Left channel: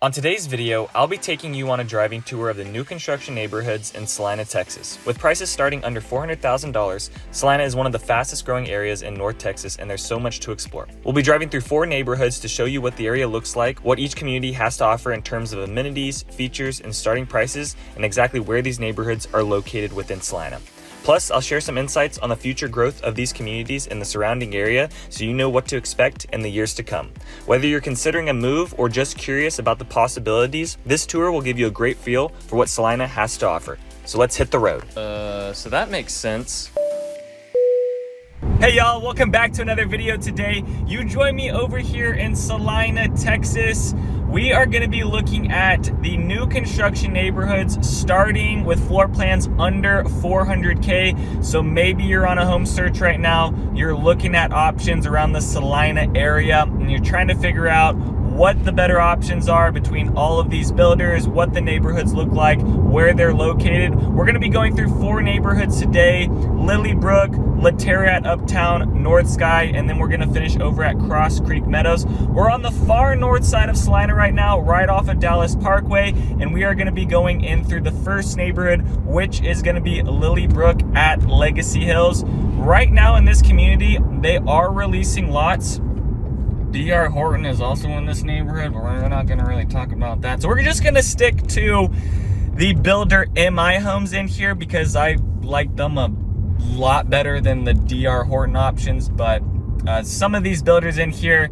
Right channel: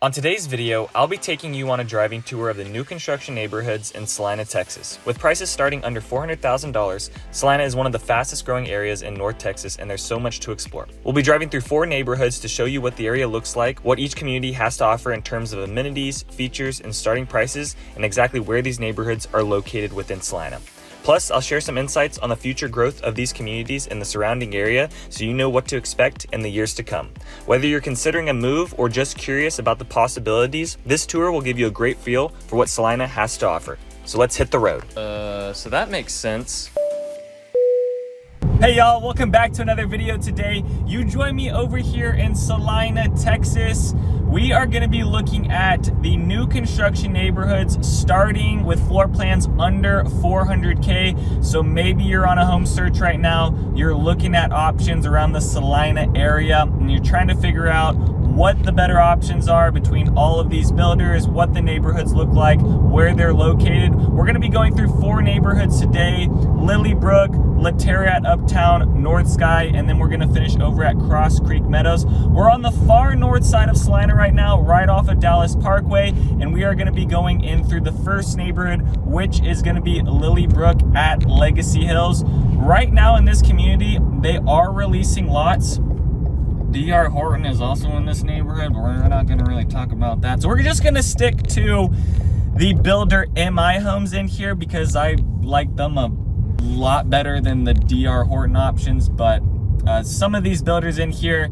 On today's video, I'll be taking you on a driving tour of the new construction neighborhoods in Celina, Texas. With prices starting under $400,000, Celina is one of the fastest growing areas in North Texas, and there's so much to explore. We'll be driving through 4 neighborhoods to show you what the area looks like, what each community has to offer in terms of amenities, features, and starting prices, and exactly where these neighborhoods are located within Celina. Plus, I'll share some insights on the future growth of these communities in the surrounding area so you know what to expect in the years to come. Whether you're considering a move or just curious about the possibilities, this tour will give you a great feel for what Celina has to offer. So let's hit the road. So that makes sense. Hey y'all, welcome back to another video today. You join me over here in Celina, Texas. We are going to be looking at the new construction neighborhoods starting with floor plans under $400K. So maybe you're on a home search right now, you're looking at options around the Celina area, and you're trying to figure out what the better options are between all of these builders, what the neighborhoods look like, where they're located. We're going to be going through 4 neighborhoods today: Lilybrook, Laterra Uptown, North Sky, and then we're going to finish over at Cross Creek Meadows. We're on the far north side of Celina right now, right off of Dallas Parkway, and we are going to be going in through the first neighborhood, which is going to be Lilybrook at Legacy Hills. Right now in this community, they are releasing lots. D.R. Horton is also in this neighborhood, but we're not going to really talk about that. So we're just going to stick to the builder MI homes in here because I like them a lot better than the D.R. Horton options. But some of these builders in here,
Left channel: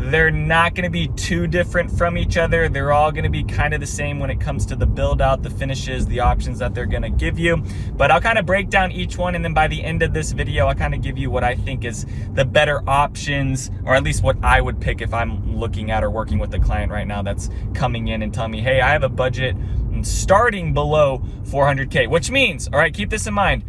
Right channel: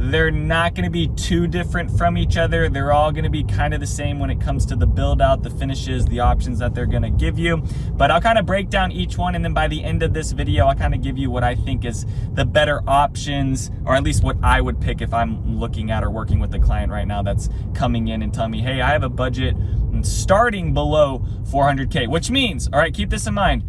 they're not going to be too different from each other. They're all going to be kind of the same when it comes to the build out, the finishes, the options that they're going to give you. But I'll kind of break down each one, and then by the end of this video, I'll kind of give you what I think is the better options, or at least what I would pick if I'm looking at or working with a client right now that's coming in and telling me, hey, I have a budget starting below 400K, which means, all right, keep this in mind,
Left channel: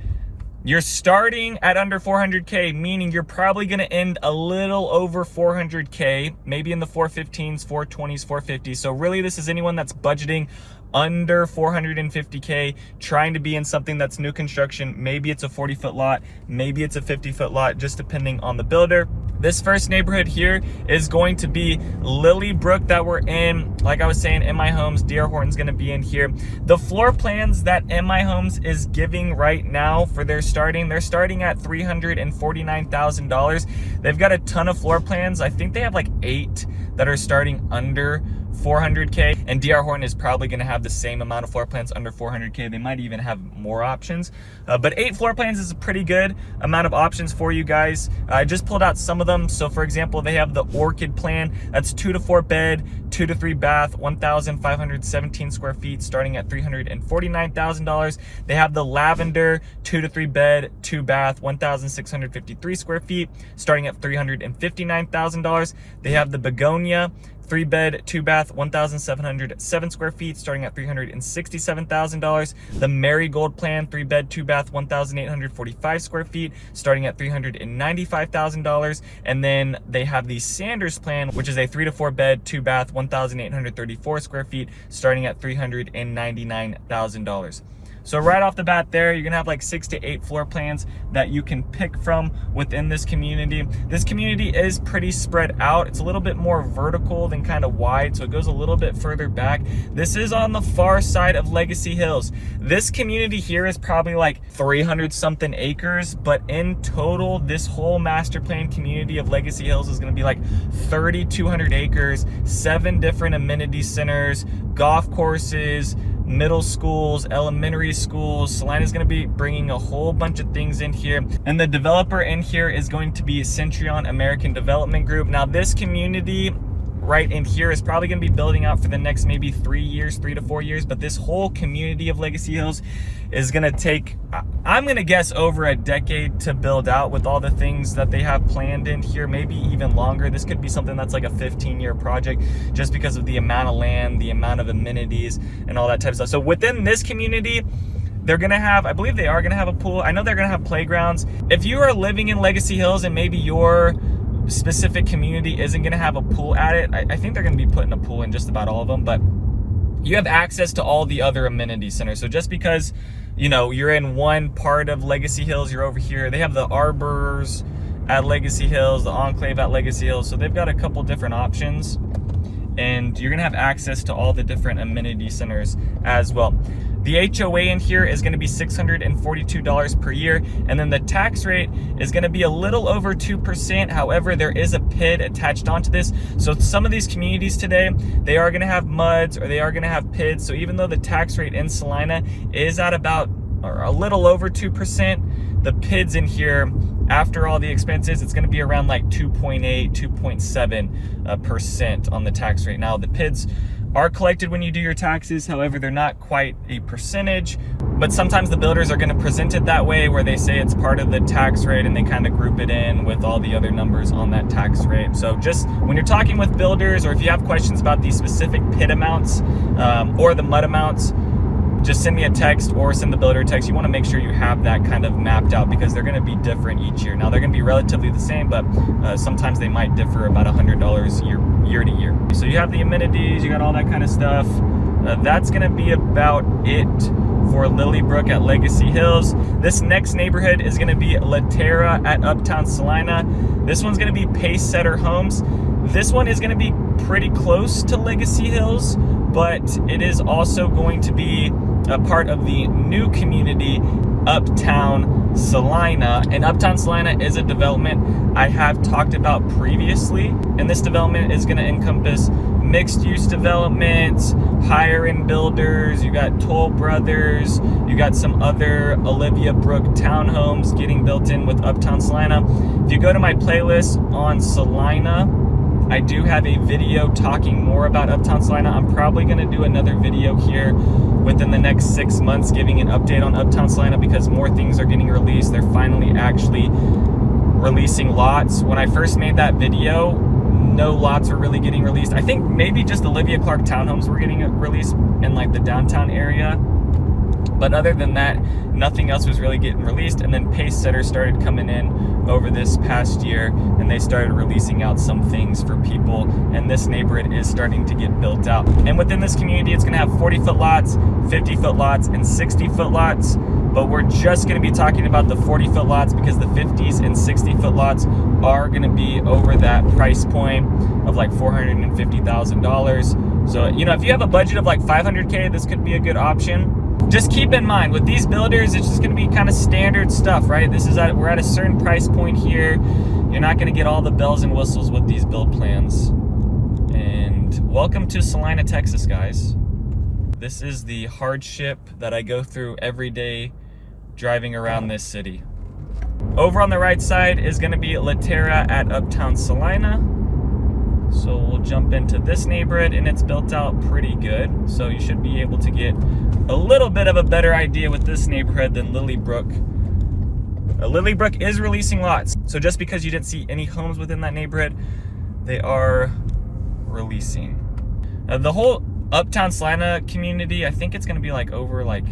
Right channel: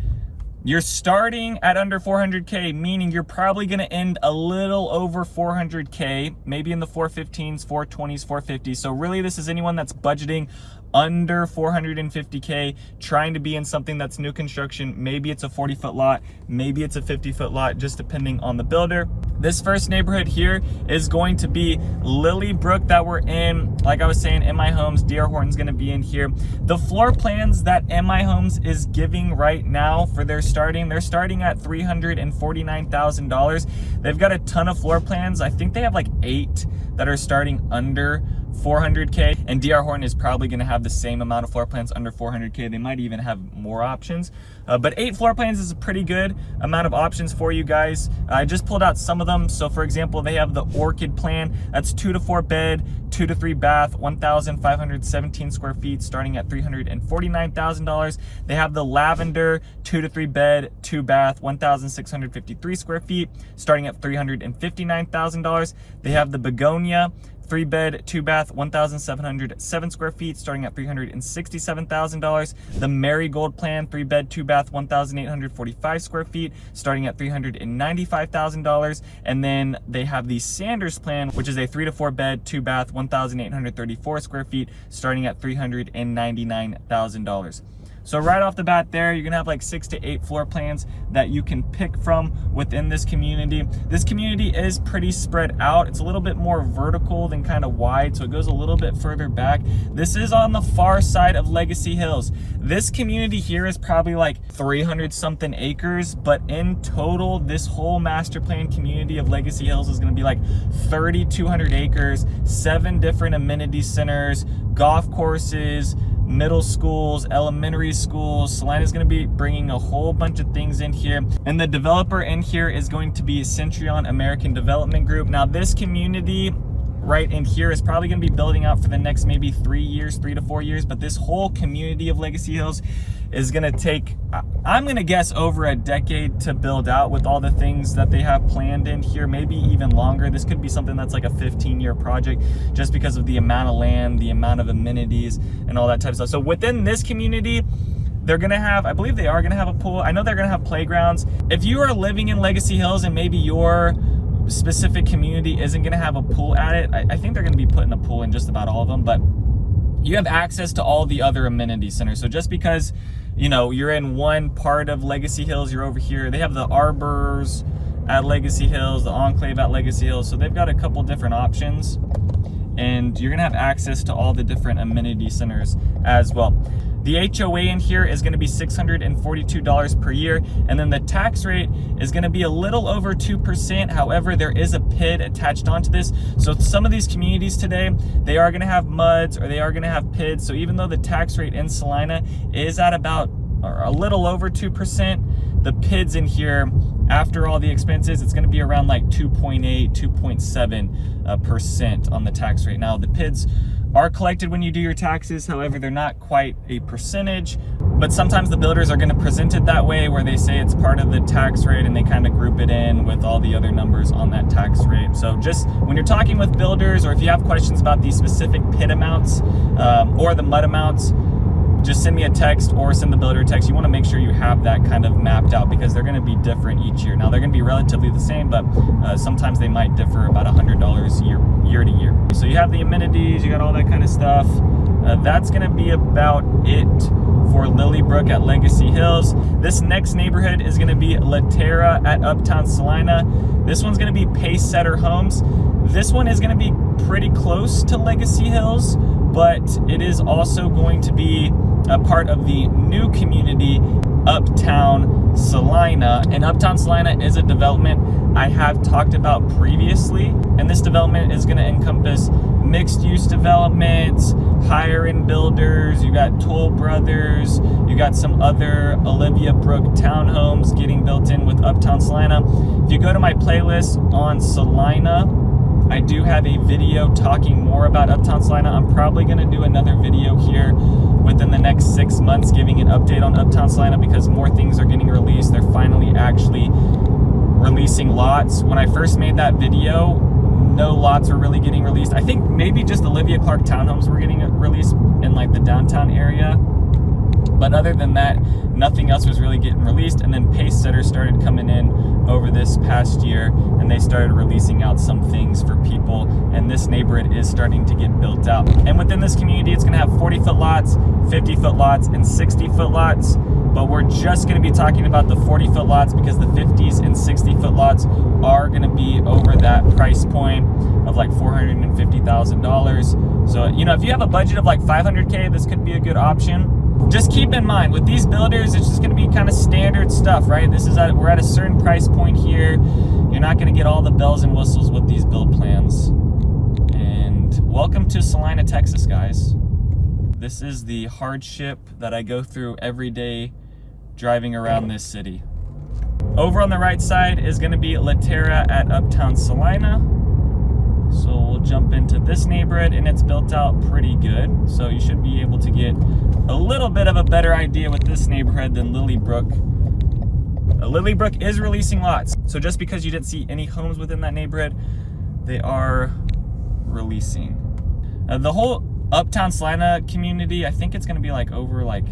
you're starting at under 400K, meaning you're probably going to end a little over 400K, maybe in the 415s, 420s, 450s. So really, this is anyone that's budgeting under 450K, trying to be in something that's new construction. Maybe it's a 40-foot lot, maybe it's a 50-foot lot, just depending on the builder. This first neighborhood here is going to be Lilybrook that we're in. Like I was saying, MI Homes, D.R. Horton's going to be in here. The floor plans that MI Homes is giving right now for their starting, they're starting at $349,000. They've got a ton of floor plans. I think they have like 8 that are starting under 400K, and D.R. Horton is probably going to have the same amount of floor plans under 400K. They might even have more options, but 8 floor plans is a pretty good amount of options for you guys. I just pulled out some of them. So for example, they have the Orchid plan. That's 2 to 4 bed, 2 to 3 bath, 1,517 square feet, starting at $349,000. They have the Lavender 2 to 3 bed, 2 bath, 1,653 square feet, starting at $359,000. They have the Begonia 3 bed, 2 bath, 1,707 square feet, starting at $367,000. The Marigold plan, 3 bed, 2 bath, 1,845 square feet, starting at $395,000. And then they have the Sanders plan, which is a 3 to 4 bed, 2 bath, 1,834 square feet, starting at $399,000. So right off the bat there, you're gonna have like 6 to 8 floor plans that you can pick from within this community. This community is pretty spread out. It's a little bit more vertical than kind of wide, so it goes a little bit further back. This is on the far side of Legacy Hills. This community here is probably like 300 something acres, but in total, this whole master plan community of Legacy Hills is gonna be like 3,200 acres, 7 different amenity centers, golf courses, middle schools, elementary schools. Celina is going to be bringing a whole bunch of things in here, and the developer in here is going to be Centurion American Development Group. Now this community right in here is probably going to be building out for the next maybe 3 to 4 years, but this whole community of Legacy Hills is going to take, I'm going to guess, over a decade to build out with all the things that they have planned in here, maybe even longer. This could be something that's like a 15-year project just because of the amount of land, the amount of amenities, and all that type of stuff. So within this community, they're gonna have, I believe they are gonna have a pool. I know they're gonna have playgrounds. If you are living in Legacy Hills and maybe your specific community isn't gonna have a pool at it, I think they're gonna be putting a pool in just about all of them, but you have access to all the other amenity centers. So just because, you know, you're in one part of Legacy Hills, you're over here. They have the Arbors at Legacy Hills, the Enclave at Legacy Hills. So they've got a couple different options. and you're gonna have access to all the different amenity centers as well. The HOA in here is gonna be $642 per year, and then the tax rate is gonna be a little over 2%. However, there is a PID attached onto this. So some of these communities today, they are gonna have MUDs or they are gonna have PIDs. So even though the tax rate in Celina is at about, or a little over 2%, the PIDs in here, after all the expenses, it's gonna be around like 2.8, 2.7% on the tax rate. Now the PIDs are collected when you do your taxes. However, they're not quite a percentage, but sometimes the builders are gonna present it that way, where they say it's part of the tax rate and they kind of group it in with all the other numbers on that tax rate. So just when you're talking with builders, or if you have questions about these specific PID amounts or the MUD amounts, just send me a text or send the builder a text. You want to make sure you have that kind of mapped out, because they're going to be different each year. Now they're going to be relatively the same, but sometimes they might differ about $100 year to year. So you have the amenities, you got all that kind of stuff. That's going to be about it for Lilybrook at Legacy Hills. This next neighborhood is going to be Laterra at Uptown Celina. This one's going to be Pacesetter Homes. This one is going to be pretty close to Legacy Hills, but it is also going to be a part of the new community, Uptown Celina. And Uptown Celina is a development I have talked about previously. And this development is going to encompass mixed-use developments, higher-end builders. You got Toll Brothers. You got some other Olivia Brook townhomes getting built in with Uptown Celina. If you go to my playlist on Celina, I do have a video talking more about Uptown Celina. I'm probably gonna do another video here within the next 6 months giving an update on Uptown Celina, because more things are getting released. They're finally actually releasing lots. When I first made that video, no lots were really getting released. I think maybe just Olivia Clark townhomes were getting released in like the downtown area. But other than that, nothing else was really getting released. And then Pacesetter started coming in over this past year, and they started releasing out some things for people, and this neighborhood is starting to get built out. And within this community, it's gonna have 40-foot lots, 50-foot lots, and 60-foot lots, but we're just gonna be talking about the 40-foot lots, because the 50s and 60-foot lots are gonna be over that price point of like $450,000. So, you know, if you have a budget of like $500K, this could be a good option. Just keep in mind, with these builders, it's just gonna be kind of standard stuff, right? We're at a certain price point here. You're not gonna get all the bells and whistles with these build plans. And welcome to Celina, Texas, guys. This is the hardship that I go through every day driving around this city. Over on the right side is gonna be Laterra at Uptown Celina. So we'll jump into this neighborhood, and it's built out pretty good. So you should be able to get a little bit of a better idea with this neighborhood than Lilybrook. Lilybrook is releasing lots. So just because you didn't see any homes within that neighborhood, they are releasing. The whole Uptown Celina community, I think it's gonna be like over like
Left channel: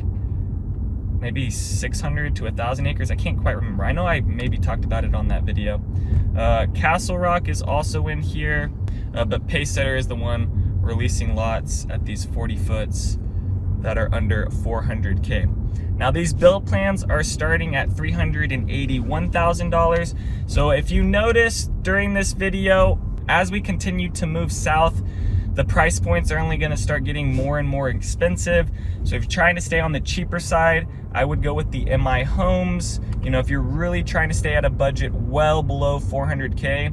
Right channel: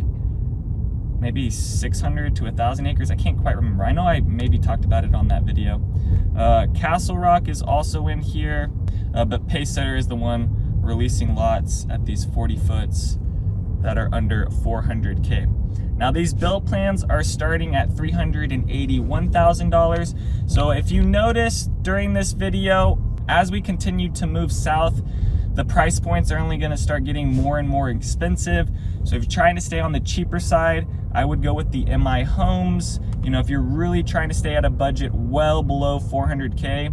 maybe 600 to 1,000 acres. I can't quite remember. I know I maybe talked about it on that video. Castle Rock is also in here, but Pacesetter is the one releasing lots at these 40 foots that are under 400K. Now these build plans are starting at $381,000. So if you notice during this video, as we continue to move south, the price points are only gonna start getting more and more expensive. So if you're trying to stay on the cheaper side, I would go with the MI homes. You know, if you're really trying to stay at a budget well below 400K,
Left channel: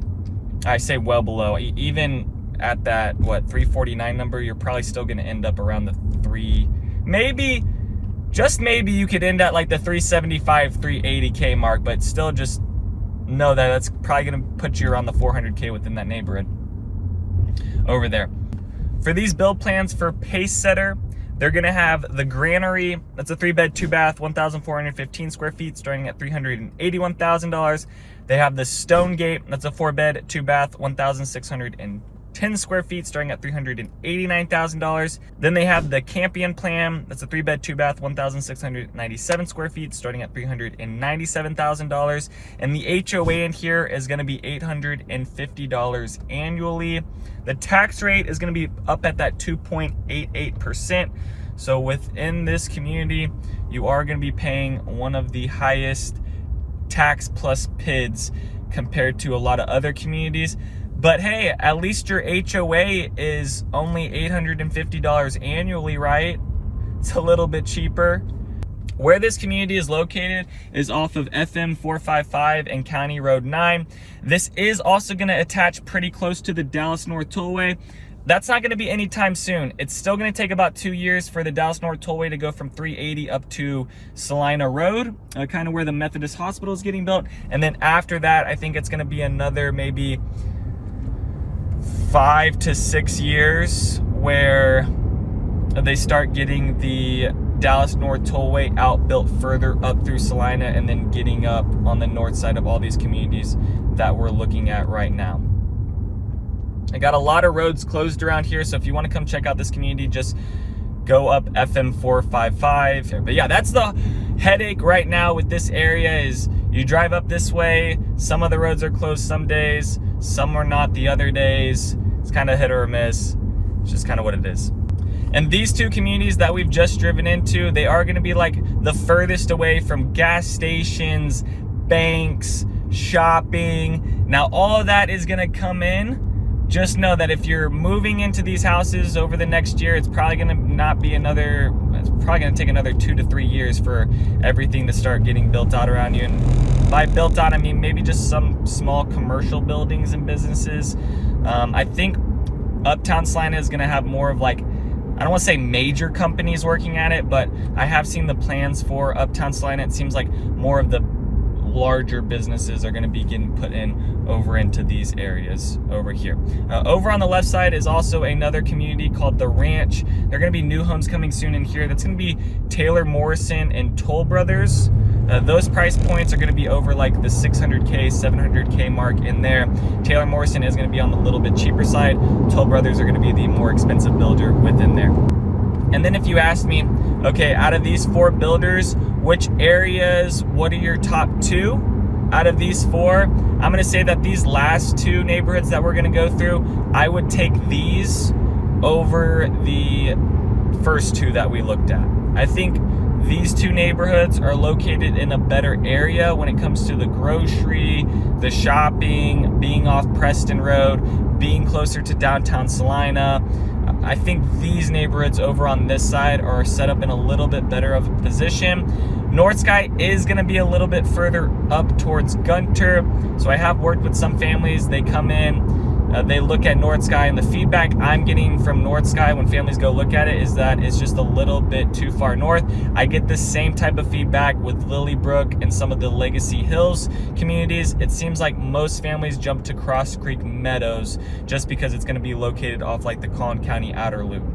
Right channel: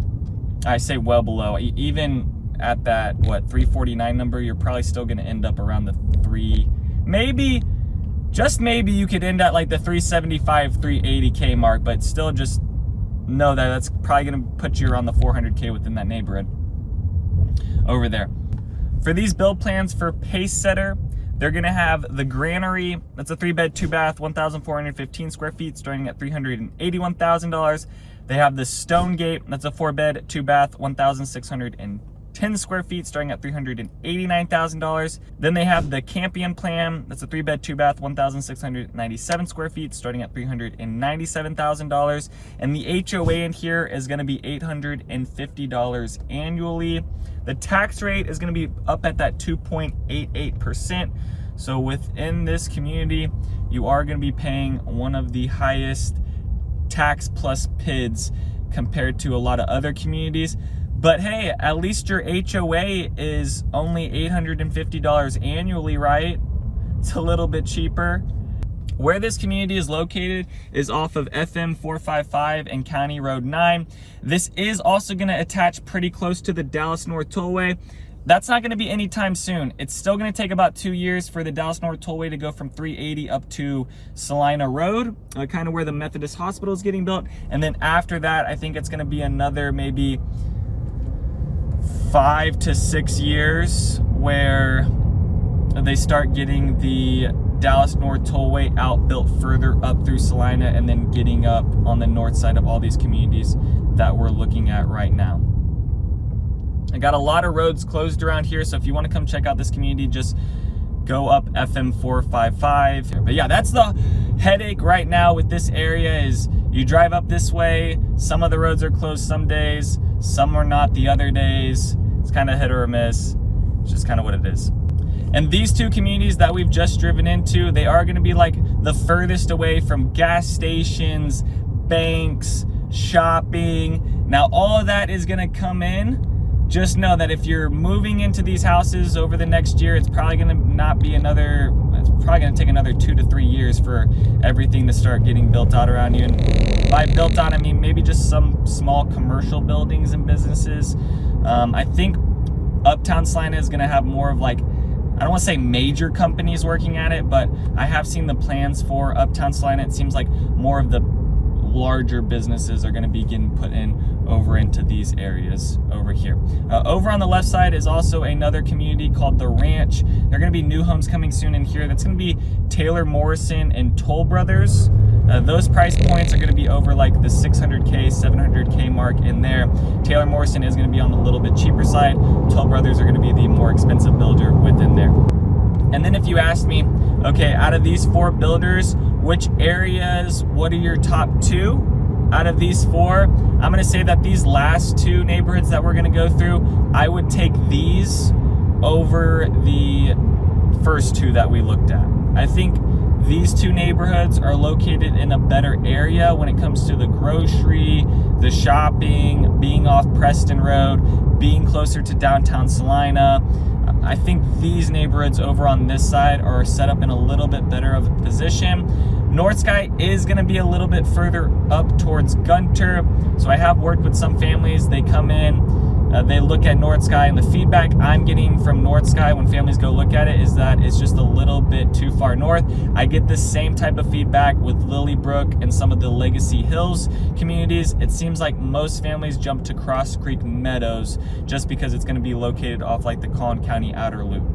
I say well below, even at that, what, 349 number, you're probably still gonna end up around the maybe, just maybe you could end at like the 375, 380K mark, but still just know that that's probably gonna put you around the 400K within that neighborhood over there. For these build plans for Pacesetter, they're gonna have the Granary, that's a 3-bed, 2-bath, 1,415 square feet, starting at $381,000. They have the Stonegate, that's a 4-bed, 2-bath, 1,610 square feet, starting at $389,000. Then they have the Campion plan, that's a 3-bed, 2-bath, 1,697 square feet, starting at $397,000. And the HOA in here is gonna be $850 annually. The tax rate is gonna be up at that 2.88%. So within this community, you are gonna be paying one of the highest tax plus PIDs compared to a lot of other communities. But hey, at least your HOA is only $850 annually, right? It's a little bit cheaper. Where this community is located is off of FM 455 and County Road 9. This is also going to attach pretty close to the Dallas North Tollway. That's not going to be anytime soon. It's still going to take about 2 years for the Dallas North Tollway to go from 380 up to Celina Road, kind of where the Methodist Hospital is getting built. And then after that, I think it's going to be another maybe 5 to 6 years where they start getting the Dallas North Tollway out built further up through Celina and then getting up on the north side of all these communities that we're looking at right now. I got a lot of roads closed around here, so if you want to come check out this community, just go up FM 455. But yeah, that's the headache right now with this area is you drive up this way, some of the roads are closed some days, some are not the other days. It's kind of hit or miss. It's just kind of what it is. And these two communities that we've just driven into, they are going to be like the furthest away from gas stations, banks, shopping. Now all of that is going to come in. Just know that if you're moving into these houses over the next year, it's probably going to take another 2 to 3 years for everything to start getting built out around you. And by built out, I mean maybe just some small commercial buildings and businesses. I think Uptown Celina is going to have more of like, I don't want to say major companies working at it, but I have seen the plans for Uptown Celina. It seems like more of the larger businesses are going to be getting put in over into these areas over here. Over on the left side is also another community called The Ranch. There are going to be new homes coming soon in here. That's going to be Taylor Morrison and Toll Brothers. Those price points are going to be over like the 600K, 700K mark in there. Taylor Morrison is going to be on the little bit cheaper side. Toll Brothers are going to be the more expensive builder within there. And then if you ask me, okay, out of these 4 builders, which areas, what are your top 2 out of these 4? I'm going to say that these last 2 neighborhoods that we're going to go through, I would take these over the first 2 that we looked at. I think these 2 neighborhoods are located in a better area when it comes to the grocery, the shopping, being off Preston Road, being closer to downtown Celina. I think these neighborhoods over on this side are set up in a little bit better of a position. North Sky is going to be a little bit further up towards Gunter. So I have worked with some families. They come in, they look at North Sky, and the feedback I'm getting from North Sky when families go look at it is that it's just a little bit too far north. I get the same type of feedback with Lilybrook and some of the Legacy Hills communities. It seems like most families jump to Cross Creek Meadows just because it's going to be located off like the Collin County Outer Loop.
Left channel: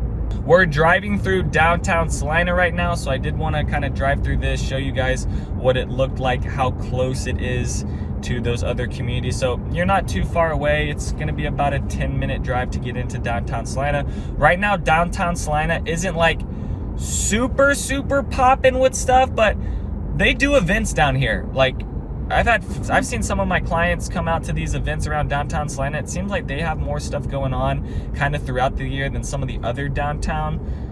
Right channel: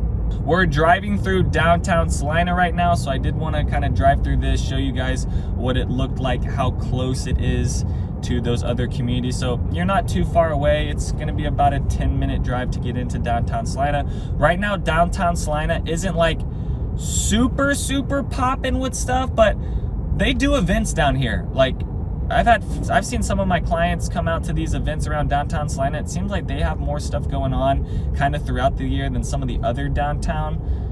We're driving through downtown Celina right now, so I did want to kind of drive through this, show you guys what it looked like, how close it is to those other communities. So you're not too far away. It's going to be about a 10-minute drive to get into downtown Celina. Right now, downtown Celina isn't like super popping with stuff, but they do events down here. Like I've seen some of my clients come out to these events around downtown Celina. It seems like they have more stuff going on kind of throughout the year than some of the other downtown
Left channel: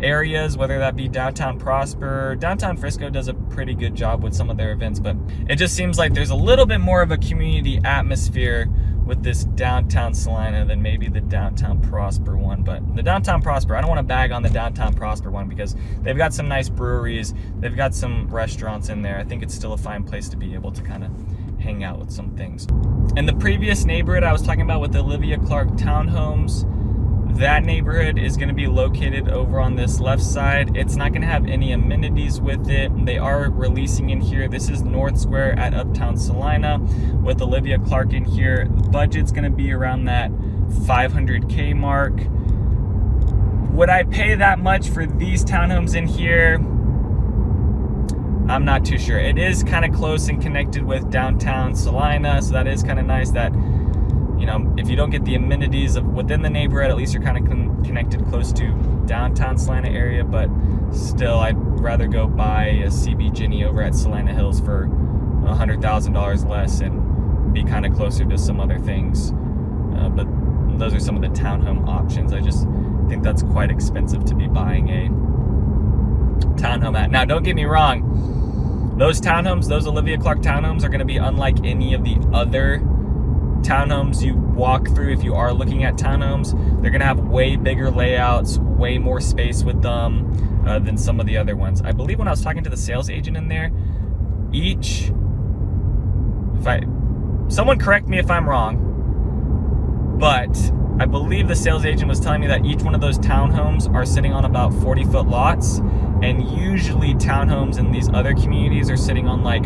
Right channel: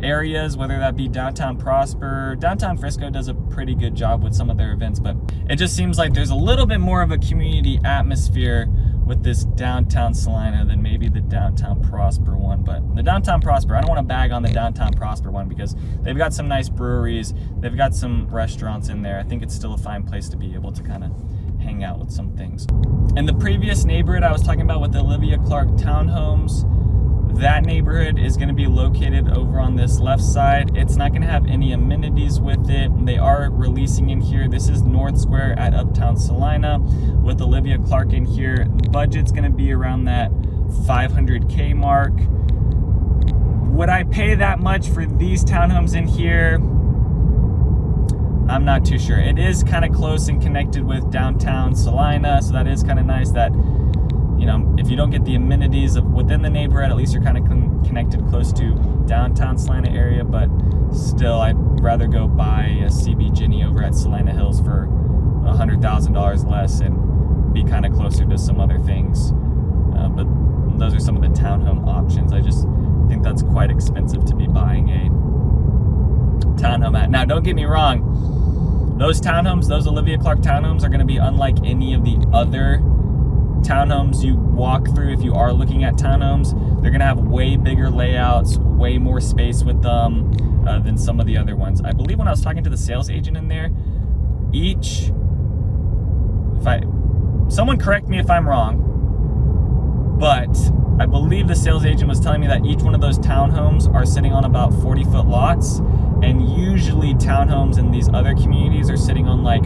areas, whether that be downtown Prosper. Downtown Frisco does a pretty good job with some of their events, but it just seems like there's a little bit more of a community atmosphere with this downtown Celina than maybe the downtown Prosper one. But the downtown Prosper, I don't want to bag on the downtown Prosper one because they've got some nice breweries, they've got some restaurants in there. I think it's still a fine place to be able to kind of hang out with some things. And the previous neighborhood I was talking about with the Olivia Clark townhomes, that neighborhood is going to be located over on this left side. It's not going to have any amenities with it. They are releasing in here. This is North Square at Uptown Celina with Olivia Clark in here. The budget's going to be around that 500K mark. Would I pay that much for these townhomes in here? I'm not too sure. It is kind of close and connected with downtown Celina, so that is kind of nice that, you know, if you don't get the amenities of within the neighborhood, at least you're kind of connected close to downtown Celina area. But still, I'd rather go buy a CB Ginny over at Celina Hills for $100,000 less and be kind of closer to some other things. But those are some of the townhome options. I just think that's quite expensive to be buying a townhome at. Now, don't get me wrong. Those townhomes, those Olivia Clark townhomes are going to be unlike any of the other townhomes you walk through if you are looking at townhomes. They're gonna have way bigger layouts, way more space with them than some of the other ones. I believe when I was talking to the sales agent in there, someone correct me if I'm wrong, but I believe the sales agent was telling me that each one of those townhomes are sitting on about 40-foot lots, and usually townhomes in these other communities are sitting on like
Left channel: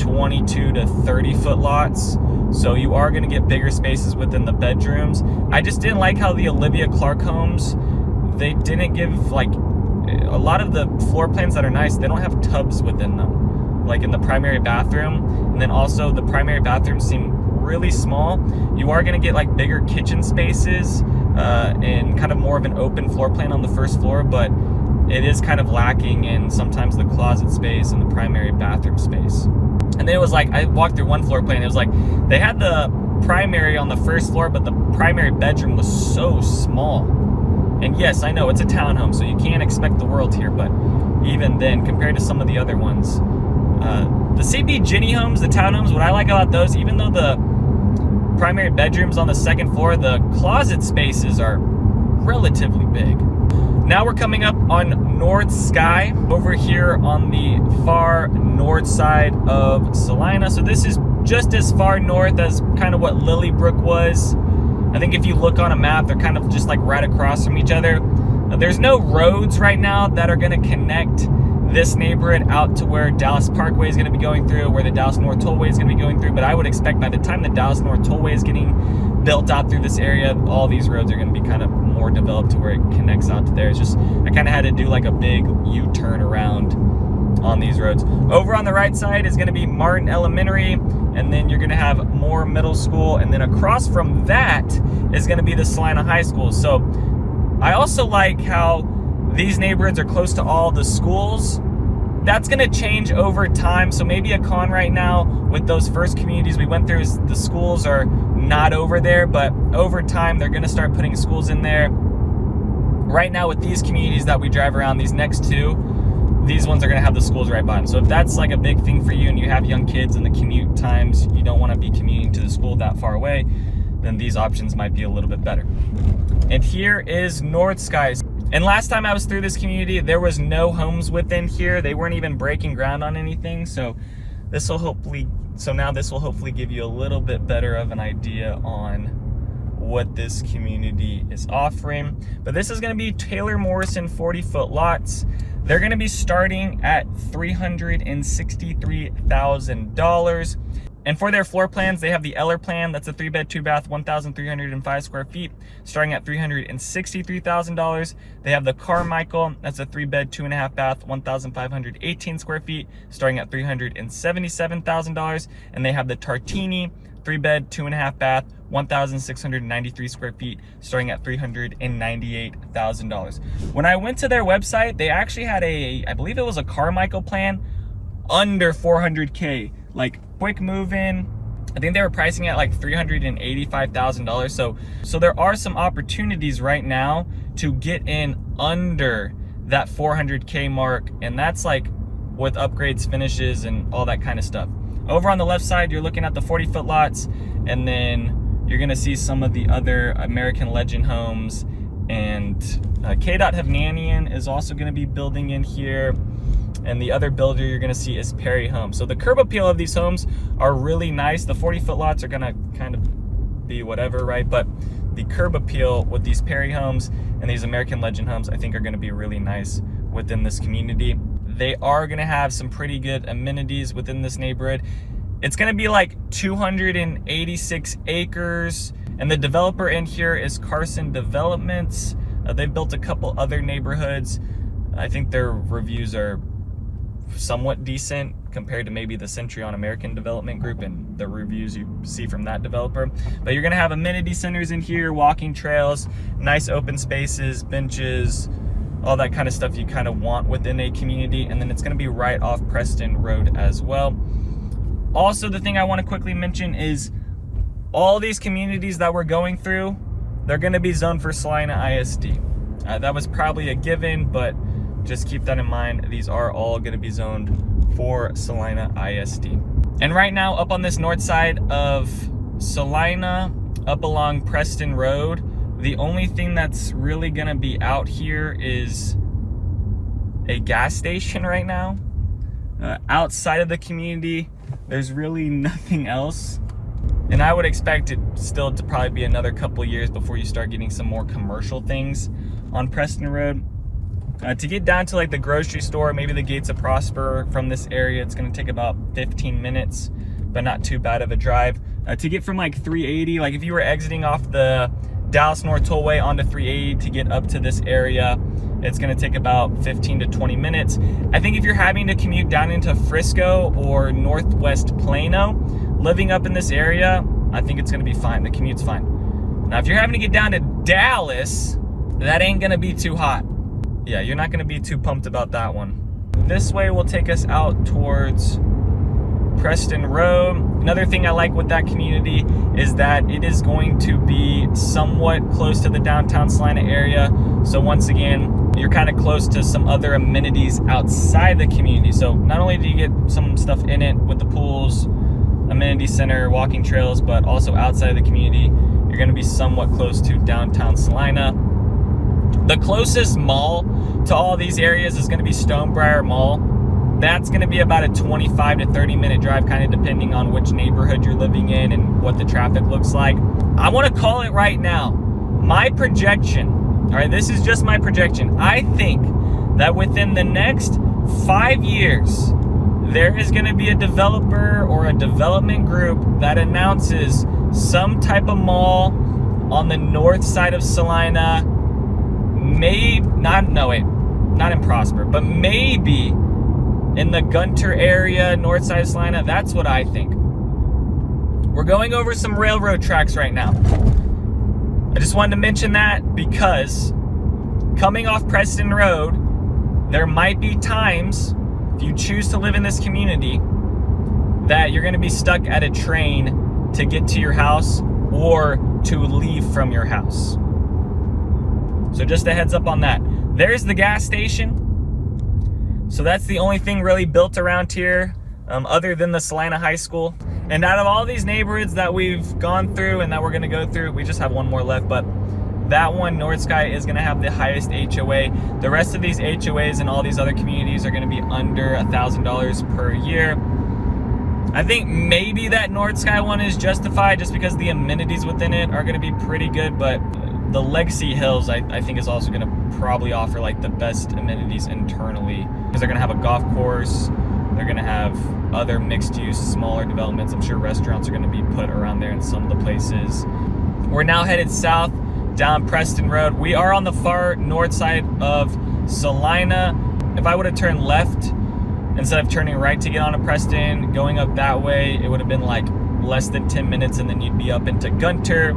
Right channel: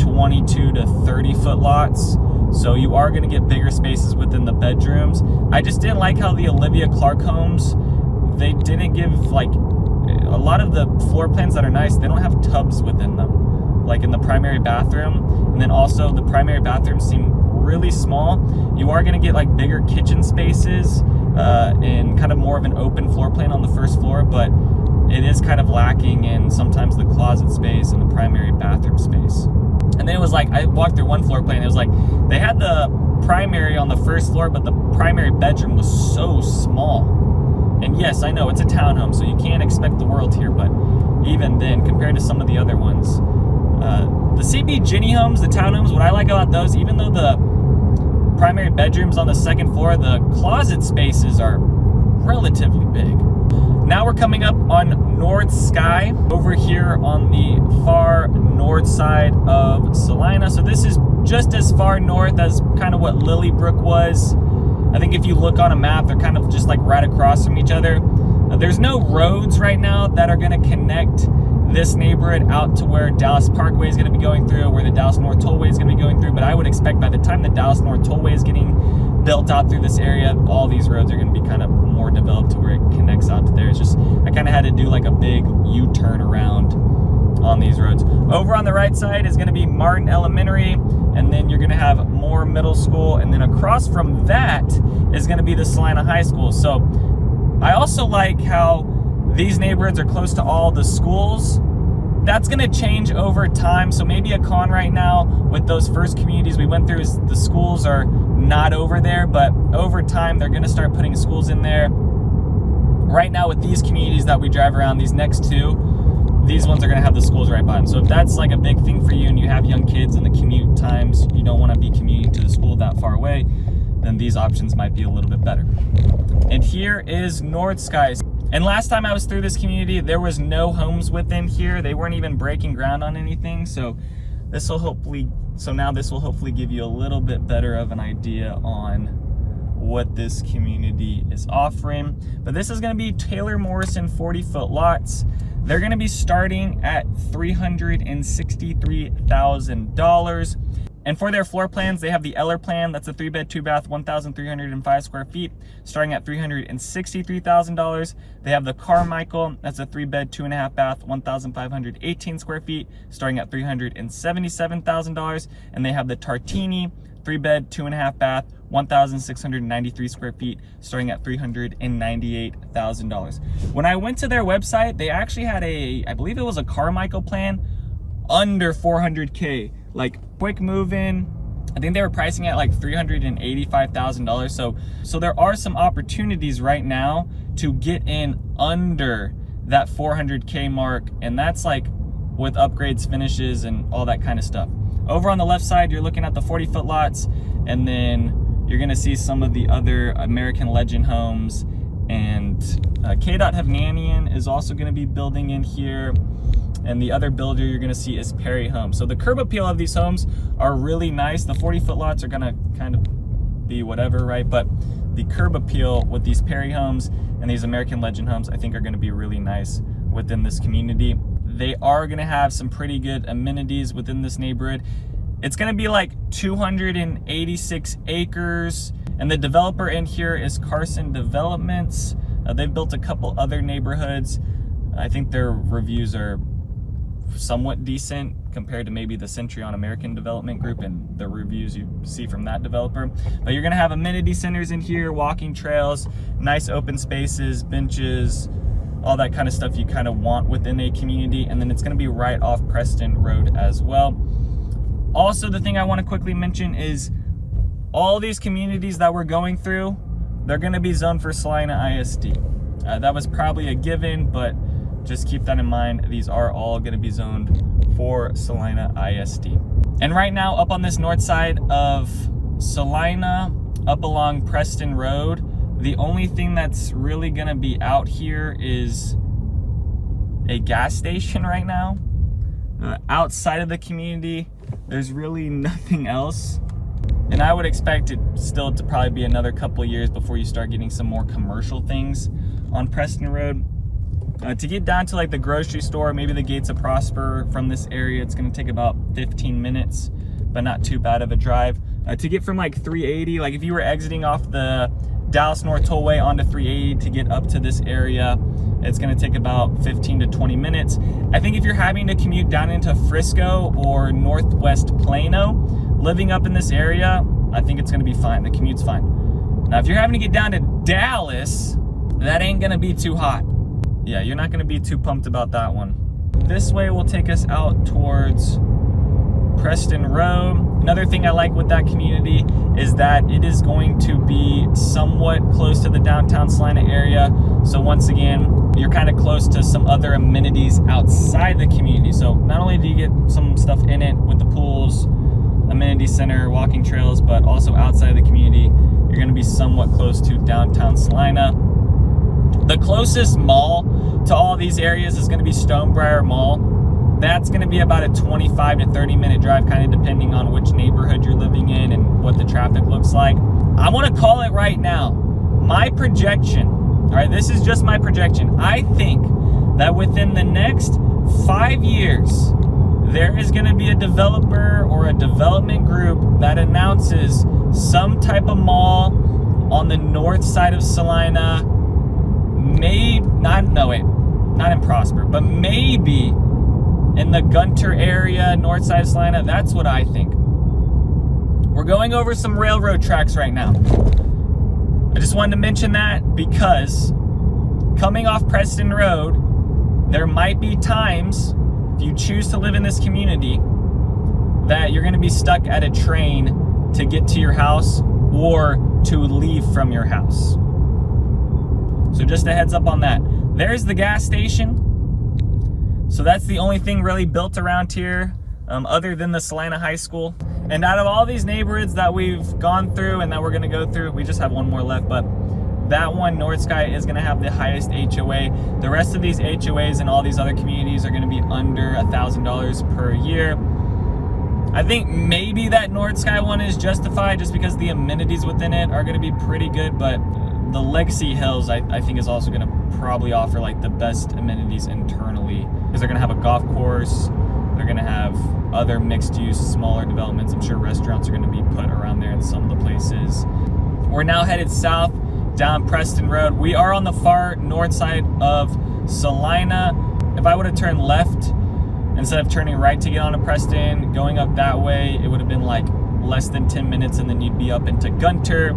22 to 30-foot lots. So you are going to get bigger spaces within the bedrooms. I just didn't like how the Olivia Clark homes, they didn't give, like, a lot of the floor plans that are nice, they don't have tubs within them, like in the primary bathroom. And then also the primary bathrooms seem really small. You are going to get like bigger kitchen spaces and kind of more of an open floor plan on the first floor, but it is kind of lacking in sometimes the closet space and the primary bathroom space. And then it was like, I walked through one floor plan, it was like they had the primary on the first floor, but the primary bedroom was so small. And yes, I know it's a townhome, so you can't expect the world here, but even then, compared to some of the other ones, the CB Ginny homes, the townhomes, what I like about those, even though the primary bedrooms on the second floor, the closet spaces are relatively big. Now we're coming up on North Sky, over here on the far north side of Celina. So this is just as far north as kind of what Lilybrook was. I think if you look on a map, they're kind of just like right across from each other. There's no roads right now that are gonna connect this neighborhood out to where Dallas Parkway is gonna be going through, where the Dallas North Tollway is gonna be going through. But I would expect by the time the Dallas North Tollway is getting built out through this area, all these roads are gonna be kind of more developed to where it connects out to there. It's just, I kind of had to do like a big U-turn around on these roads. Over on the right side is gonna be Martin Elementary, and then you're gonna have Moore Middle School, and then across from that is gonna be the Celina High School. So I also like how these neighborhoods are close to all the schools. That's gonna change over time. So maybe a con right now with those first communities we went through is the schools are not over there, but over time they're gonna start putting schools in there. Right now with these communities that we drive around, these next two, these ones are gonna have the schools right by them. So if that's like a big thing for you and you have young kids and the commute times, you don't wanna be commuting to the school that far away, then these options might be a little bit better. And here is North Skies. And last time I was through this community, there was no homes within here. They weren't even breaking ground on anything. So now this will hopefully give you a little bit better of an idea on what this community is offering. But this is gonna be Taylor Morrison 40-foot lots. They're gonna be starting at $363,000. And for their floor plans, they have the Eller plan. That's a 3-bed, 2-bath, 1,305 square feet, starting at $363,000. They have the Carmichael. That's a 3-bed, 2.5-bath, 1,518 square feet, starting at $377,000. And they have the Tartini, 3-bed, 2.5-bath, 1,693 square feet, starting at $398,000. When I went to their website, they actually had I believe it was a Carmichael plan under $400K. Like quick move-in. I think they were pricing at like $385,000. So there are some opportunities right now to get in under that $400K mark, and that's like with upgrades, finishes, and all that kind of stuff. Over on the left side, you're looking at the 40-foot lots, and then you're gonna see some of the other American Legend homes, and K.Dot Hovnanian is also gonna be building in here. And the other builder you're gonna see is Perry Homes. So the curb appeal of these homes are really nice. The 40-foot lots are gonna kind of be whatever, right? But the curb appeal with these Perry Homes and these American Legend homes, I think are gonna be really nice within this community. They are gonna have some pretty good amenities within this neighborhood. It's gonna be like 286 acres. And the developer in here is Carson Developments. They've built a couple other neighborhoods. I think their reviews are somewhat decent compared to maybe the Century on American Development Group and the reviews you see from that developer. But you're gonna have amenity centers in here, walking trails, nice open spaces, benches, all that kind of stuff you kind of want within a community. And then it's gonna be right off Preston Road as well. Also, the thing I wanna quickly mention is all these communities that we're going through, they're gonna be zoned for Celina ISD. That was probably a given, but just keep that in mind. These are all gonna be zoned for Celina ISD. And right now, up on this north side of Celina, up along Preston Road. The only thing that's really gonna be out here is a gas station right now. Outside of the community, there's really nothing else. And I would expect it still to probably be another couple of years before you start getting some more commercial things on Preston Road. To get down to like the grocery store, maybe the Gates of Prosper from this area, it's gonna take about 15 minutes, but not too bad of a drive. To get from like 380, like if you were exiting off the Dallas North Tollway onto 380 to get up to this area, it's gonna take about 15 to 20 minutes. I think if you're having to commute down into Frisco or Northwest Plano, living up in this area, I think it's gonna be fine. The commute's fine. Now, if you're having to get down to Dallas, that ain't gonna be too hot. Yeah, you're not gonna be too pumped about that one. This way will take us out towards Preston Road. Another thing I like with that community is that it is going to be somewhat close to the downtown Celina area. So once again, you're kind of close to some other amenities outside the community. So not only do you get some stuff in it with the pools, amenity center, walking trails, but also outside of the community, you're gonna be somewhat close to downtown Celina. The closest mall to all these areas is gonna be Stonebriar Mall. That's gonna be about a 25 to 30 minute drive, kind of depending on which neighborhood you're living in and what the traffic looks like. I wanna call it right now. My projection, all right, this is just my projection. I think that within the next 5 years, there is gonna be a developer or a development group that announces some type of mall on the north side of Celina, not in Prosper, but maybe in the Gunter area, north side of Celina. That's what I think. We're going over some railroad tracks right now. I just wanted to mention that because coming off Preston Road, there might be times, if you choose to live in this community, that you're gonna be stuck at a train to get to your house or to leave from your house. So just a heads up on that. There's the gas station. So that's the only thing really built around here, other than the Celina High School. And out of all these neighborhoods that we've gone through and that we're gonna go through, we just have one more left, but that one, North Sky, is gonna have the highest HOA. The rest of these HOAs and all these other communities are gonna be under $1,000 per year. I think maybe that North Sky one is justified just because the amenities within it are gonna be pretty good, but the Legacy Hills, I think, is also gonna probably offer like the best amenities internally, because they're gonna have a golf course, they're gonna have other mixed use, smaller developments. I'm sure restaurants are gonna be put around there in some of the places. We're now headed south down Preston Road. We are on the far north side of Celina. If I would have turned left instead of turning right to get onto Preston, going up that way, it would have been like less than 10 minutes and then you'd be up into Gunter.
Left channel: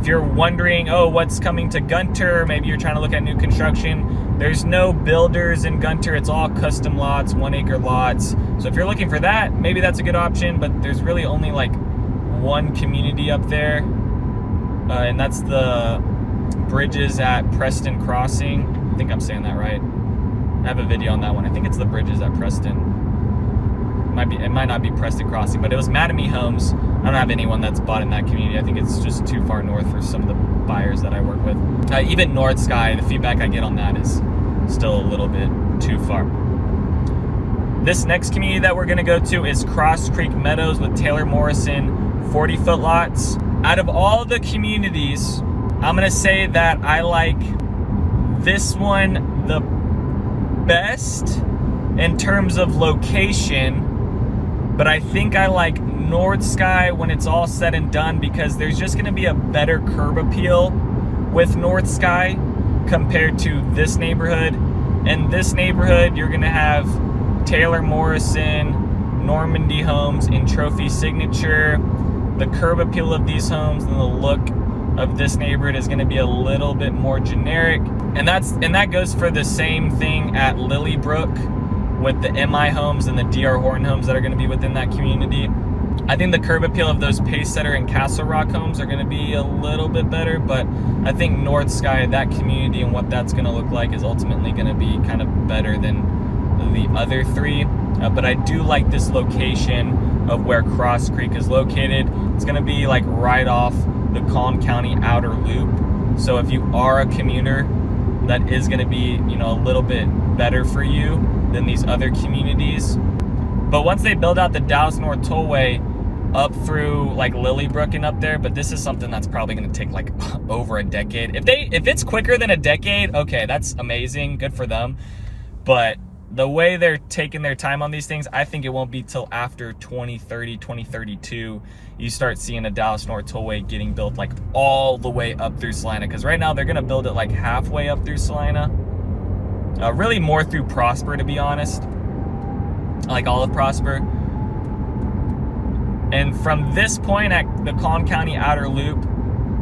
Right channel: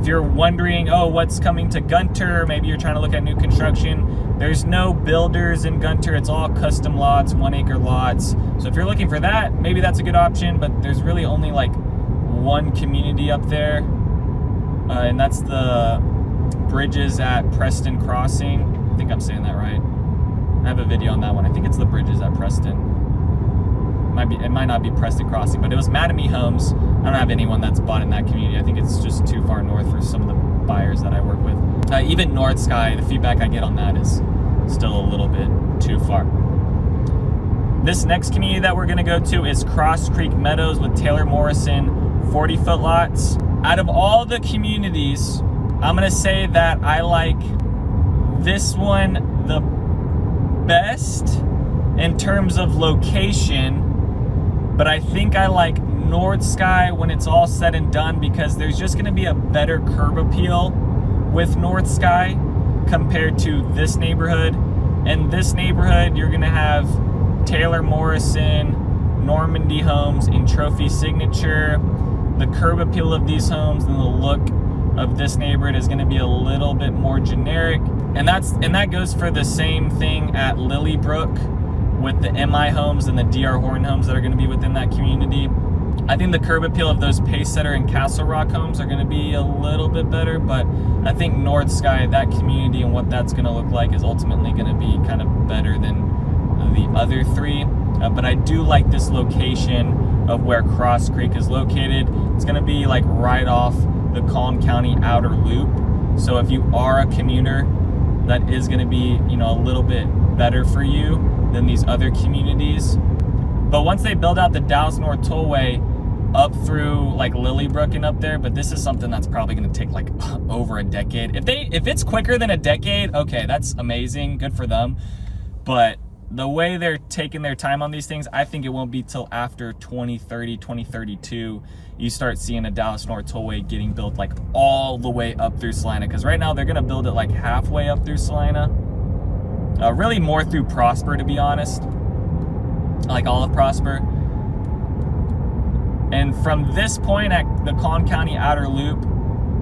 If you're wondering, oh, what's coming to Gunter, maybe you're trying to look at new construction, there's no builders in Gunter. It's all custom lots, 1 acre lots. So if you're looking for that, maybe that's a good option, but there's really only like one community up there, and that's the Bridges at Preston Crossing. I think I'm saying that right. I have a video on that one. I think it's the Bridges at Preston. It might not be Preston Crossing, but it was Mattamy Homes. I don't have anyone that's bought in that community. I think it's just too far north for some of the buyers that I work with. Even North Sky, the feedback I get on that is still a little bit too far. This next community that we're gonna go to is Cross Creek Meadows with Taylor Morrison 40-foot lots. Out of all the communities, I'm gonna say that I like this one the best in terms of location, but I think I like North Sky when it's all said and done, because there's just gonna be a better curb appeal with North Sky compared to this neighborhood. In this neighborhood, you're gonna have Taylor Morrison, Normandy Homes, and Trophy Signature. The curb appeal of these homes and the look of this neighborhood is gonna be a little bit more generic. And that goes for the same thing at Lilybrook with the MI homes and the DR Horton homes that are gonna be within that community. I think the curb appeal of those Pacesetter and Castle Rock homes are gonna be a little bit better, but I think North Sky, that community and what that's gonna look like, is ultimately gonna be kind of better than the other three. But I do like this location of where Cross Creek is located. It's gonna be like right off the Collin County outer loop. So if you are a commuter, that is going to be, you know, a little bit better for you than these other communities. But once they build out the Dallas North Tollway up through like Lilybrook and up there, but this is something that's probably going to take like over a decade. If it's quicker than a decade, okay, that's amazing, good for them. But the way they're taking their time on these things, I think it won't be till after 2030, 2032, you start seeing a Dallas North Tollway getting built like all the way up through Celina. Because right now they're gonna build it like halfway up through Celina. Really more through Prosper, to be honest. Like all of Prosper. And from this point at the Collin County outer loop,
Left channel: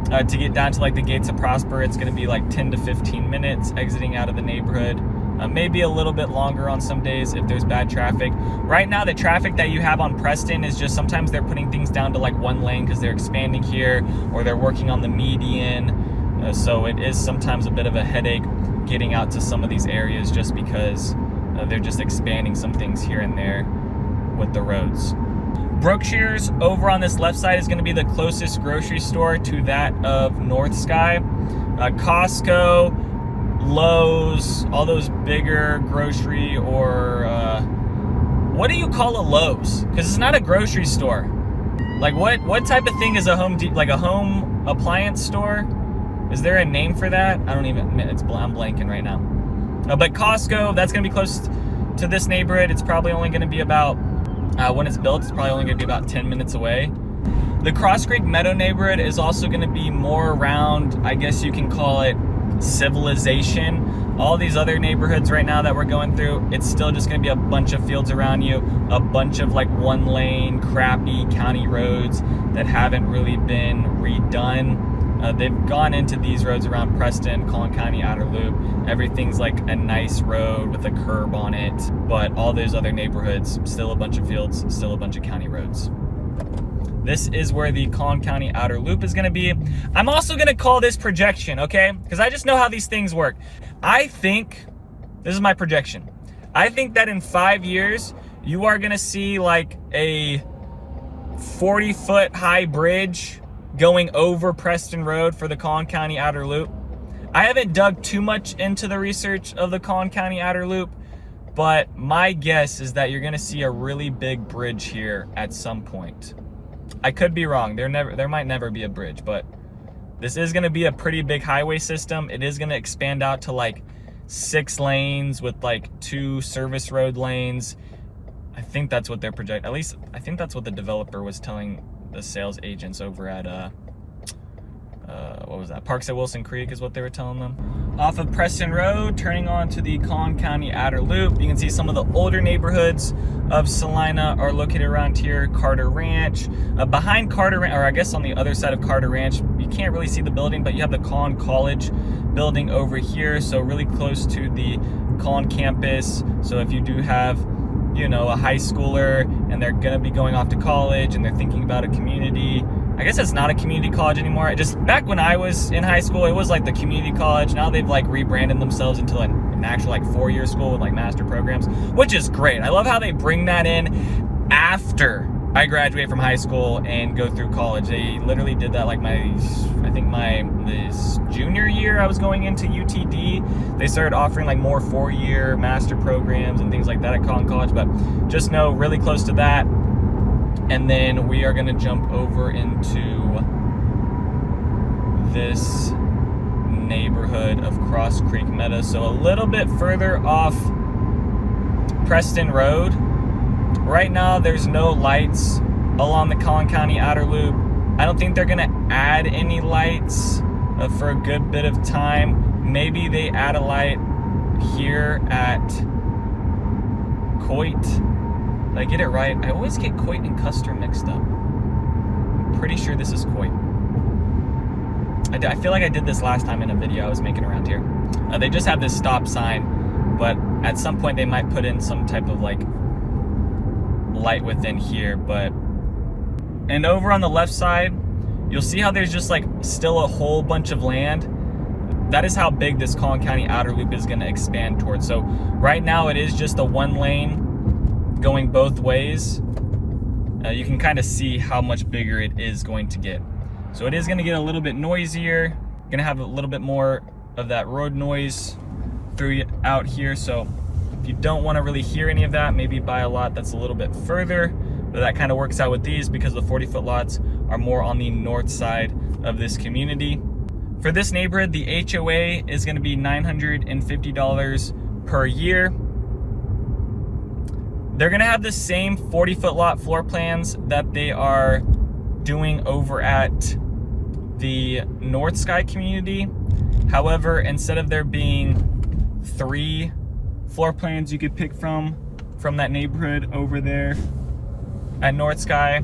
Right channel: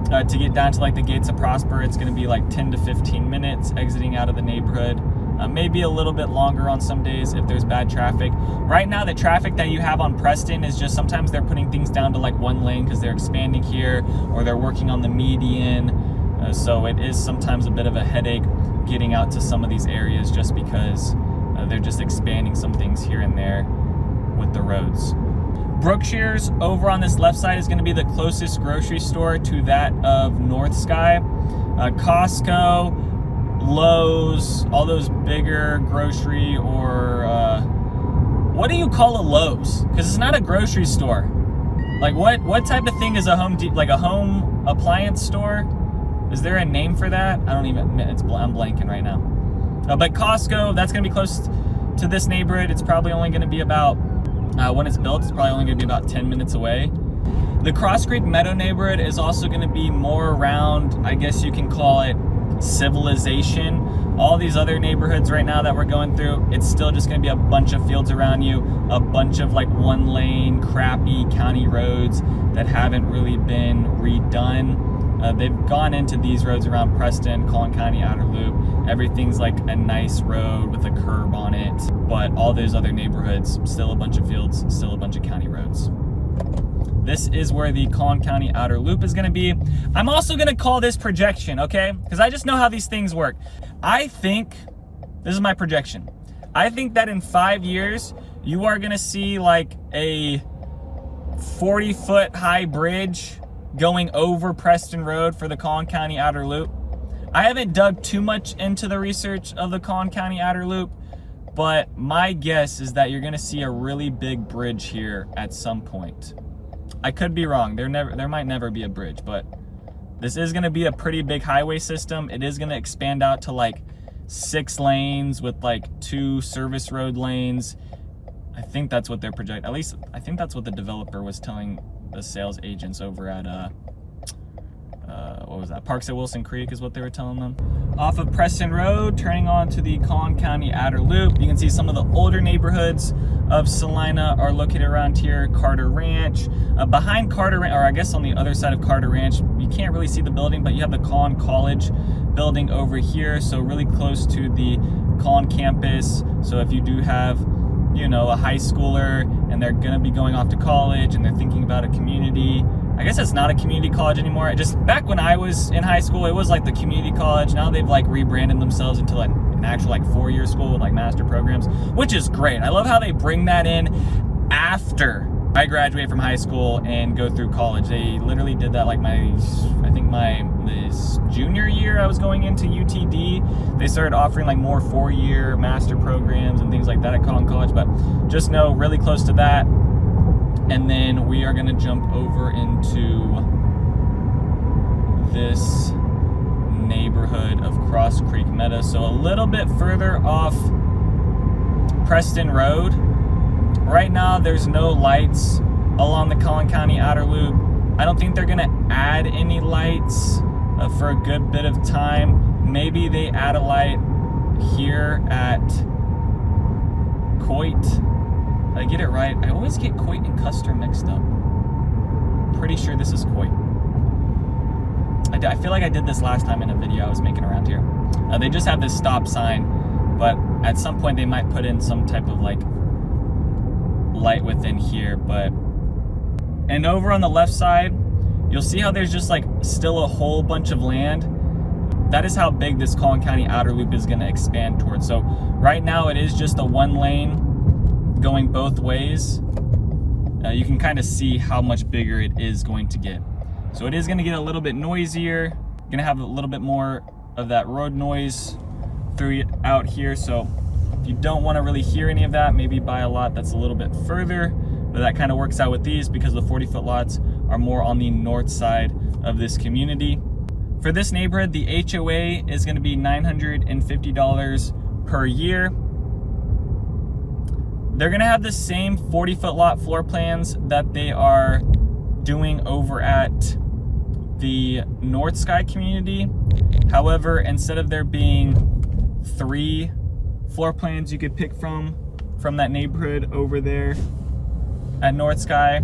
to get down to like the gates of Prosper, it's gonna be like 10 to 15 minutes exiting out of the neighborhood. Maybe a little bit longer on some days if there's bad traffic. Right now, the traffic that you have on Preston is just sometimes they're putting things down to like one lane because they're expanding here, or they're working on the median. So it is sometimes a bit of a headache getting out to some of these areas just because they're just expanding some things here and there with the roads. Brookshire's over on this left side is going to be the closest grocery store to that of North Sky. Costco, Lowe's, all those bigger grocery, or what do you call a Lowe's? Because it's not a grocery store. Like what type of thing is a like a home appliance store? Is there a name for that? I don't even, I'm blanking right now. But Costco, that's gonna be close to this neighborhood. It's probably only gonna be about, when it's built, it's probably only gonna be about 10 minutes away. The Cross Creek Meadow neighborhood is also gonna be more around, I guess you can call it, civilization. All these other neighborhoods right now that we're going through, it's still just going to be a bunch of fields around you, a bunch of like one lane crappy county roads that haven't really been redone. They've gone into these roads around Preston, Collin County outer loop. Everything's like a nice road with a curb on it, but all those other neighborhoods, still a bunch of fields, still a bunch of county roads. This is where the Collin County outer loop is going to be. I'm also going to call this projection, okay? Because I just know how these things work. I think, this is my projection, I think that in 5 years, you are going to see like a 40-foot high bridge going over Preston Road for the Collin County outer loop. I haven't dug too much into the research of the Collin County outer loop, but my guess is that you're going to see a really big bridge here at some point. I could be wrong. There might never be a bridge, but this is going to be a pretty big highway system. It is going to expand out to like 6 lanes with like 2 service road lanes. I think that's what they're projecting. At least I think that's what the developer was telling the sales agents over at what was that? Parks at Wilson Creek is what they were telling them. Off of Preston Road, turning on to the Collin County outer loop, you can see some of the older neighborhoods of Celina are located around here. Carter Ranch. Behind Carter Ranch, or I guess on the other side of Carter Ranch, you can't really see the building, but you have the Collin College building over here, so really close to the Collin campus. So if you do have, you know, a high schooler and they're gonna be going off to college and they're thinking about a community, I guess it's not a community college anymore. Back when I was in high school, it was like the community college. Now they've like rebranded themselves into like an actual like 4-year school with like master programs, which is great. I love how they bring that in after I graduate from high school and go through college. They literally did that like this junior year I was going into UTD. They started offering like more 4-year master programs and things like that at Collin College, but just know really close to that. And then we are gonna jump over into this neighborhood of Cross Creek Meadows. So a little bit further off Preston Road. Right now there's no lights along the Collin County outer loop. I don't think they're gonna add any lights for a good bit of time. Maybe they add a light here at Coit. Did I get it right? I always get Coit and Custer mixed up. I'm pretty sure this is Coit. I feel like I did this last time in a video I was making around here. They just have this stop sign, but at some point they might put in some type of like light within here. And over on the left side, you'll see how there's just like still a whole bunch of land. That is how big this Collin County outer loop is gonna expand towards. So right now it is just a 1 lane going both ways. You can kind of see how much bigger it is going to get. So it is gonna get a little bit noisier. Gonna have a little bit more of that road noise throughout here. So if you don't wanna really hear any of that, maybe buy a lot that's a little bit further. But that kind of works out with these because the 40-foot lots are more on the north side of this community. For this neighborhood, the HOA is gonna be $950 per year. They're gonna have the same 40-foot lot floor plans that they are doing over at the North Sky community. However, instead of there being 3 floor plans you could pick from that neighborhood over there at North Sky,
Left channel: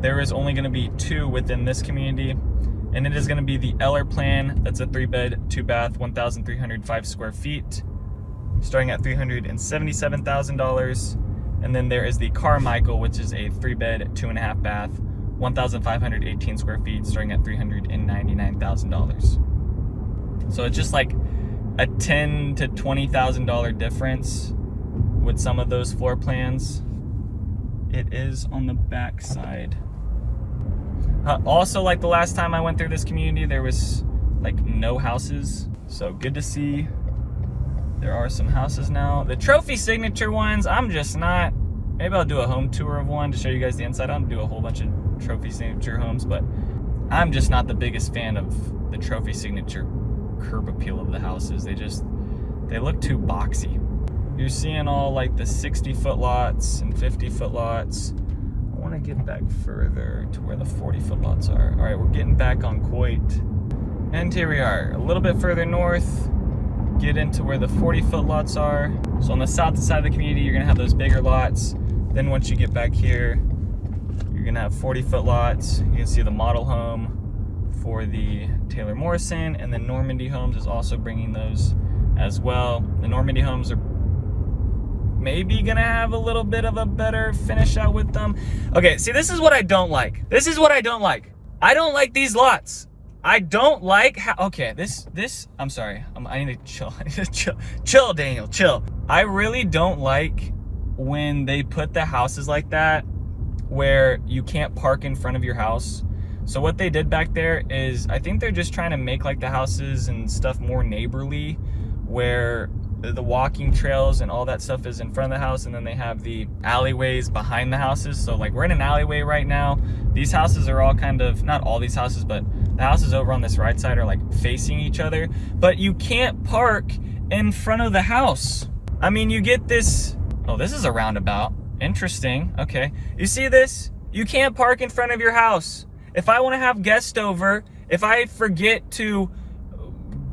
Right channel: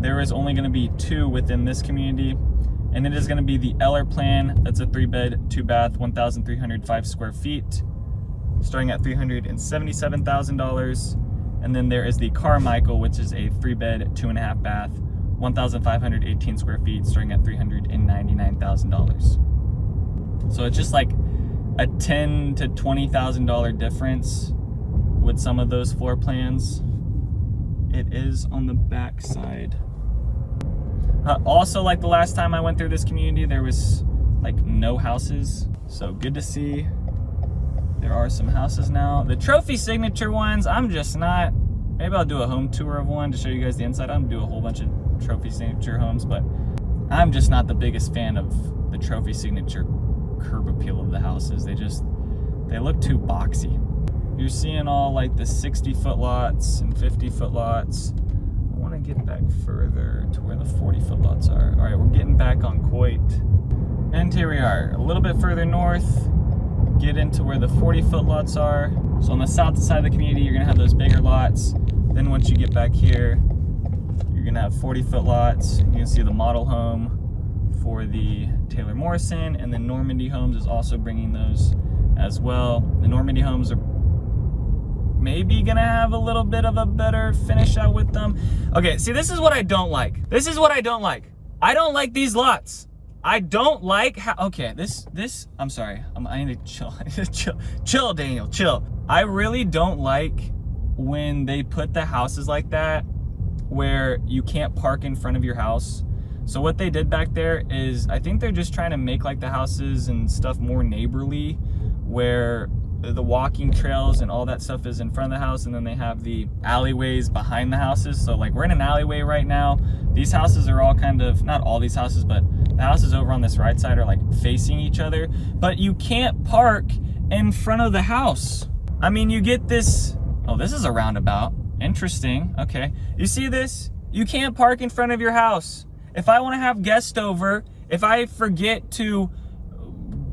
there is only gonna be 2 within this community. And it is gonna be the Eller plan. That's a 3-bed, 2-bath, 1,305 square feet, starting at $377,000. And then there is the Carmichael, which is a 3-bed, 2.5-bath, 1,518 square feet, starting at $399,000. So it's just like a $10,000 to $20,000 difference with some of those floor plans. It is on the back side. Also, like the last time I went through this community, there was like no houses. So good to see there are some houses now. The trophy signature ones, I'm just not. Maybe I'll do a home tour of one to show you guys the inside. I'm gonna do a whole bunch of trophy signature homes, but I'm just not the biggest fan of the trophy signature curb appeal of the houses. They look too boxy. You're seeing all like the 60-foot lots and 50-foot lots. I want to get back further to where the 40-foot lots are. All right, we're getting back on Coit. And here we are, a little bit further north, get into where the 40-foot lots are. So on the south side of the community, you're gonna have those bigger lots. Then once you get back here, you're gonna have 40-foot lots. You can see the model home for the Taylor Morrison, and then Normandy Homes is also bringing those as well. The Normandy Homes are maybe gonna have a little bit of a better finish out with them. Okay, see, this is what I don't like. This is what I don't like. I don't like these lots. I don't like how, okay, I'm sorry. I need to chill. I need to chill. Chill, Daniel, chill. I really don't like when they put the houses like that where you can't park in front of your house. So what they did back there is, I think they're just trying to make like the houses and stuff more neighborly, where the walking trails and all that stuff is in front of the house, and then they have the alleyways behind the houses. So like we're in an alleyway right now. These houses are all kind of, not all these houses, but the houses over on this right side are like facing each other, but you can't park in front of the house. I mean, you get this, oh, this is a roundabout. Interesting, okay. You see this? You can't park in front of your house. If I wanna have guests over, if I forget to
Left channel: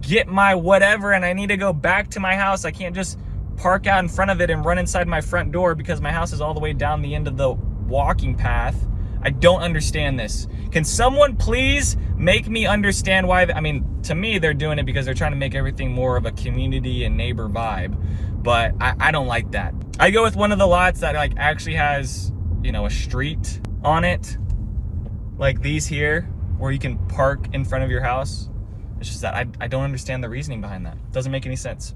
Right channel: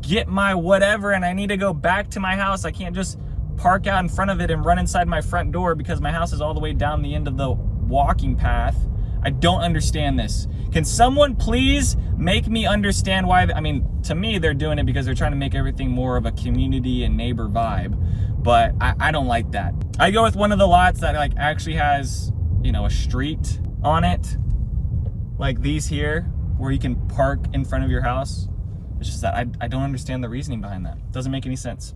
get my whatever and I need to go back to my house, I can't just park out in front of it and run inside my front door because my house is all the way down the end of the walking path. I don't understand this. Can someone please make me understand why? I mean, to me, they're doing it because they're trying to make everything more of a community and neighbor vibe, but I don't like that. I go with one of the lots that like actually has, you know, a street on it, like these here, where you can park in front of your house. It's just that I don't understand the reasoning behind that. It doesn't make any sense.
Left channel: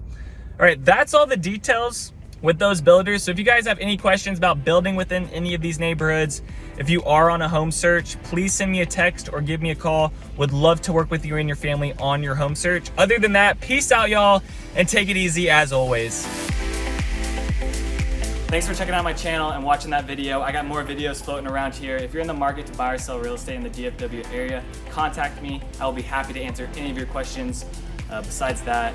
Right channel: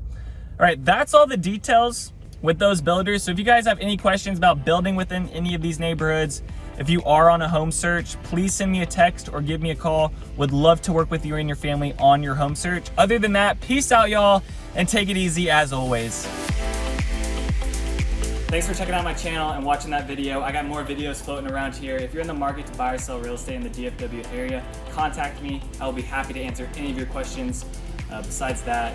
All right, that's all the details with those builders. So if you guys have any questions about building within any of these neighborhoods, if you are on a home search, please send me a text or give me a call. Would love to work with you and your family on your home search. Other than that, peace out, y'all, and take it easy as always. Thanks for checking out my channel and watching that video. I got more videos floating around here. If you're in the market to buy or sell real estate in the DFW area, contact me. I will be happy to answer any of your questions. Besides that,